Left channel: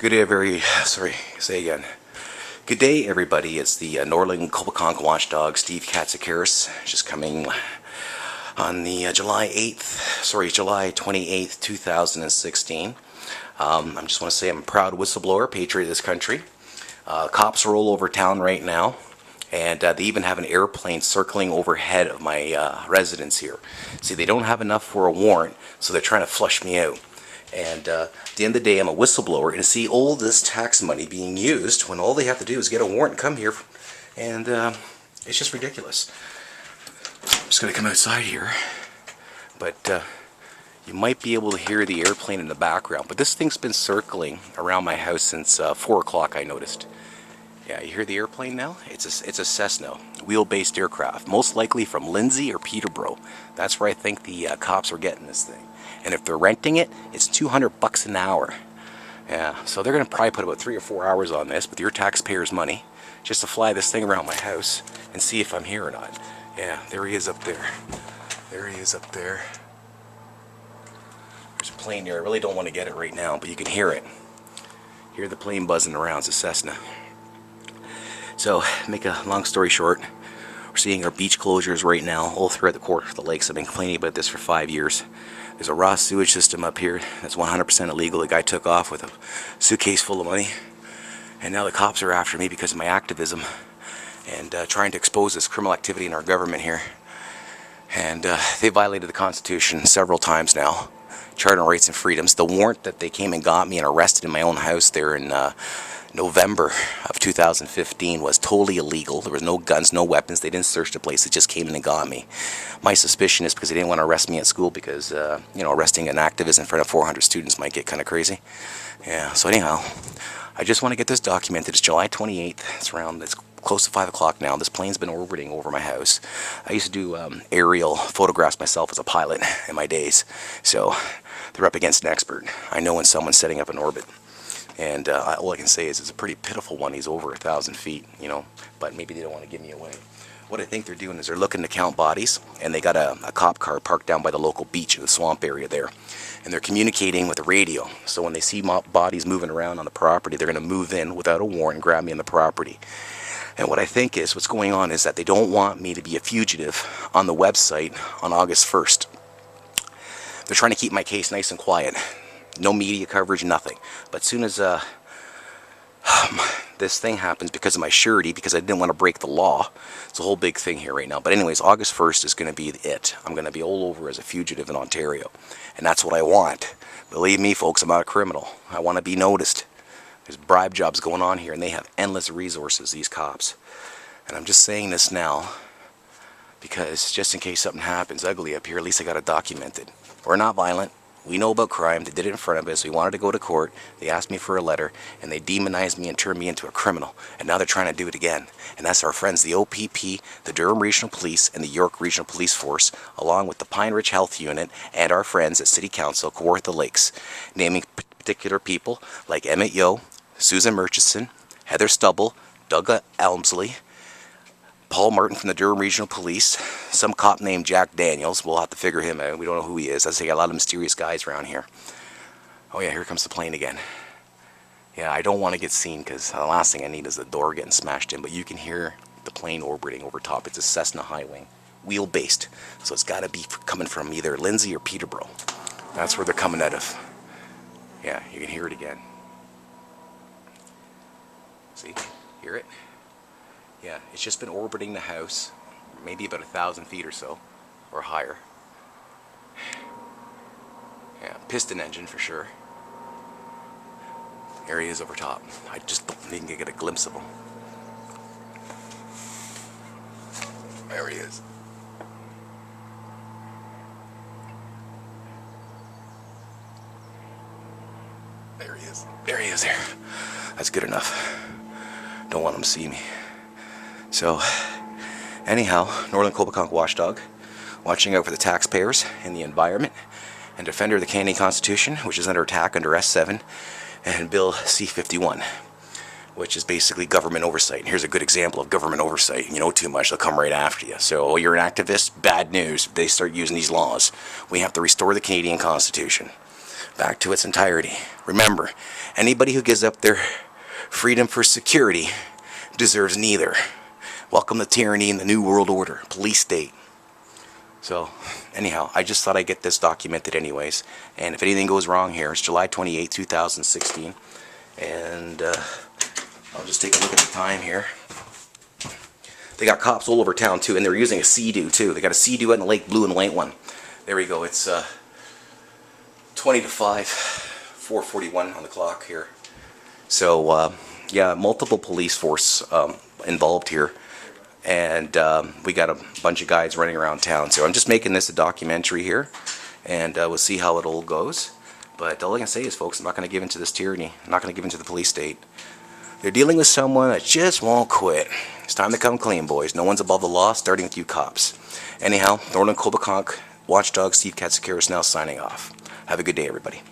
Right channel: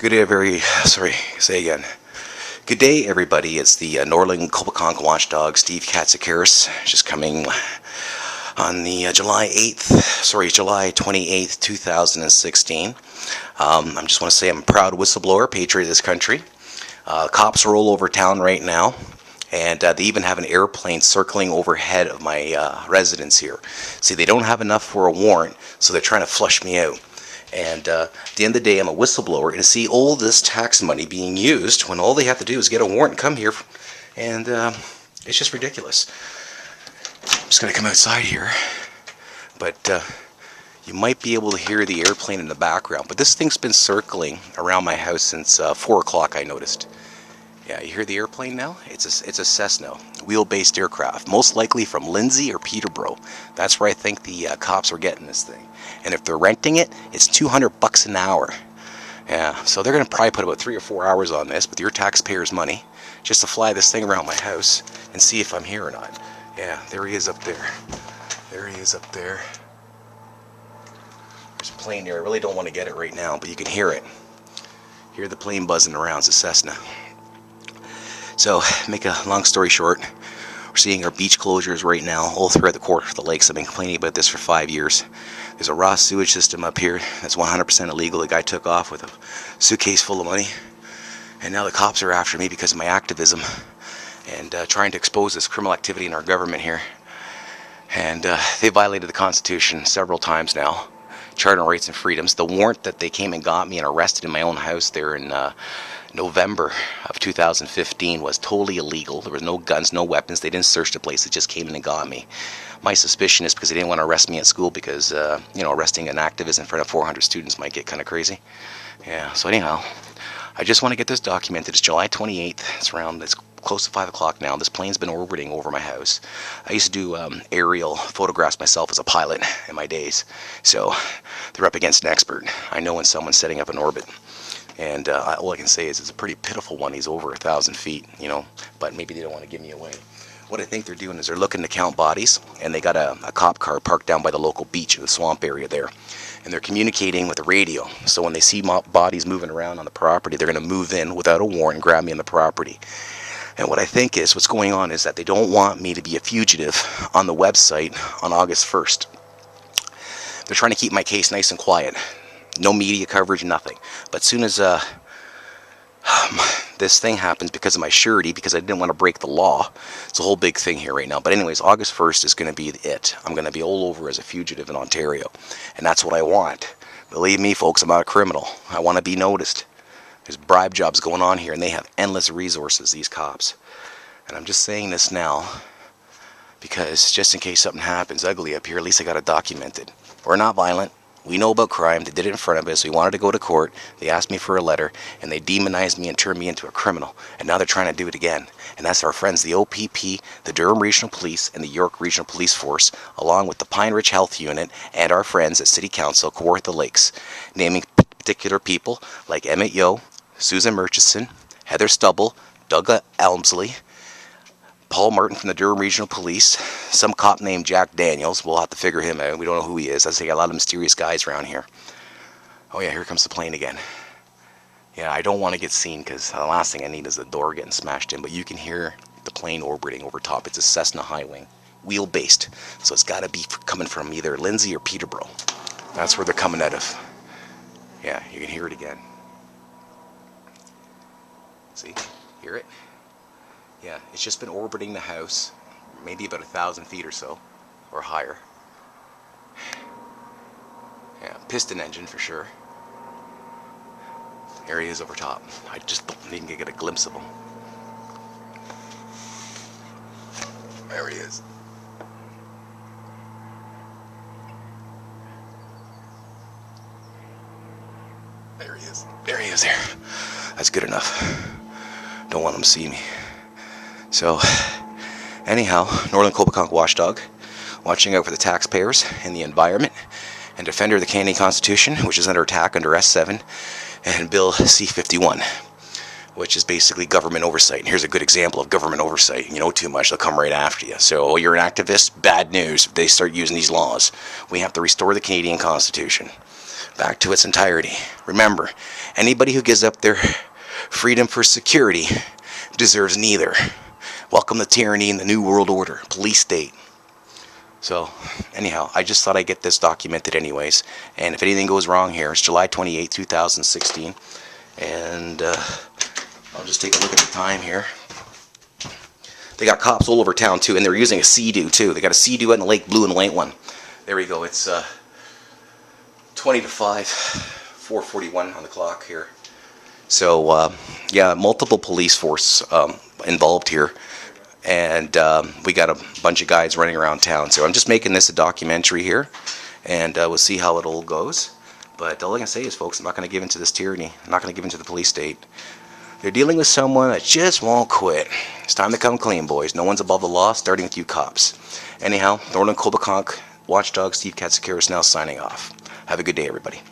Good day, Good day, everybody. It's the Norland Coboconk Watchdog, Steve Katsikaris, just coming on the July 28th, 2016. I just want to say I'm a proud whistleblower, patriot of this country. Cops are all over town right now, and they even have an airplane circling overhead of my residence here. See, they don't have enough for a warrant, so they're trying to flush me out. And at the end of the day, I'm a whistleblower, and to see all this tax money being used when all they have to do is get a warrant and come here, and it's just ridiculous. I'm just going to come outside here, but you might be able to hear the airplane in the background, but this thing's been circling around my house since 4 o'clock, I noticed. Yeah, you hear the airplane now? It's a Cessna, wheel-based aircraft, most likely from Lindsay or Peterborough. That's where I think the cops are getting this thing. And if they're renting it, it's $200 an hour. Yeah, so they're going to probably put about 3 or 4 hours on this with your taxpayers' money just to fly this thing around my house and see if I'm here or not. Yeah, there he is up there. There he is up there. There's a plane there. I really don't want to get it right now, but you can hear it. Hear the plane buzzing around. It's a Cessna. So, make a long story short, we're seeing our beach closures right now all throughout the lakes. I've been complaining about this for 5 years. There's a raw sewage system up here that's 100% illegal. The guy took off with a suitcase full of money, and now the cops are after me because of my activism and trying to expose this criminal activity in our government here. And they violated the Constitution several times now. Charter Rights and Freedoms. The warrant that they came and got me and arrested in my own house there in November of 2015 was totally illegal. There was no guns, no weapons. They didn't search the place. They just came in and got me. My suspicion is because they didn't want to arrest me at school because, arresting an activist in front of 400 students might get kind of crazy. Yeah, so anyhow, I just want to get this documented. It's July 28th. It's close to 5 o'clock now. This plane's been orbiting over my house. I used to do aerial photographs myself as a pilot in my days. So they're up against an expert. I know when someone's setting up an orbit. And all I can say is it's a pretty pitiful one. He's over 1,000 feet, but maybe they don't want to give me away. What I think they're doing is they're looking to count bodies, and they got a cop car parked down by the local beach in the swamp area there. And they're communicating with the radio. So when they see bodies moving around on the property, they're going to move in without a warrant and grab me on the property. And what I think is what's going on is that they don't want me to be a fugitive on the website on August 1st. They're trying to keep my case nice and quiet. No media coverage, nothing. But as soon as this thing happens because of my surety, because I didn't want to break the law, it's a whole big thing here right now. But anyways, August 1st is going to be it. I'm going to be all over as a fugitive in Ontario. And that's what I want. Believe me, folks, I'm not a criminal. I want to be noticed. There's bribe jobs going on here, and they have endless resources, these cops. And I'm just saying this now because just in case something happens ugly up here, at least I got it documented. We're not violent. We know about crime. They did it in front of us. We wanted to go to court. They asked me for a letter, and they demonized me and turned me into a criminal. And now they're trying to do it again. And that's our friends, the OPP, the Durham Regional Police, and the York Regional Police Force, along with the Pine Ridge Health Unit, and our friends at City Council, Kawartha Lakes, naming particular people like Emmett Yeo, Susan Murchison, Heather Stubble, Doug Elmsley, Paul Martin from the Durham Regional Police, some cop named Jack Daniels. We'll have to figure him out. We don't know who he is. I say a lot of mysterious guys around here. Oh yeah, here comes the plane again. Yeah, I don't want to get seen because the last thing I need is the door getting smashed in, but you can hear the plane orbiting over top. It's a Cessna high wing, wheel-based. So it's got to be coming from either Lindsay or Peterborough. That's where they're coming out of. Yeah, you can hear it again. See? Hear it? Yeah, it's just been orbiting the house, maybe about 1,000 feet or so, or higher. Yeah, piston engine for sure. There he is over top. I just don't even get a glimpse of him. There he is. There he is. There he is there. That's good enough. Don't want him to see me. So, anyhow, Norland Coboconk Watchdog, watching out for the taxpayers and the environment, and defender of the Canadian Constitution, which is under attack under S7 and Bill C-51, which is basically government oversight. And here's a good example of government oversight. You know too much, they'll come right after you. So, you're an activist, bad news. They start using these laws. We have to restore the Canadian Constitution back to its entirety. Remember, Anybody who gives up their freedom for security deserves neither. Welcome to tyranny in the New World Order, police state. So, anyhow, I just thought I'd get this documented anyways. And if anything goes wrong here, it's July 28, 2016. And I'll just take a look at the time here. They got cops all over town too, and they're using a Sea-Doo too. They got a Sea-Doo and a Lake Blue and white one. There we go. It's 20 to 5, 4:41 on the clock here. So yeah, multiple police force involved here, and we got a bunch of guys running around town. So I'm just making this a documentary here, and we'll see how it all goes. But all I can say is, folks, I'm not going to give in to this tyranny. I'm not going to give in to the police state. They're dealing with someone that just won't quit. It's time to come clean, boys. No one's above the law, starting with you cops. Anyhow, Norland, Coboconk, Watchdog, Steve Katsikaris now signing off. Have a good day, everybody.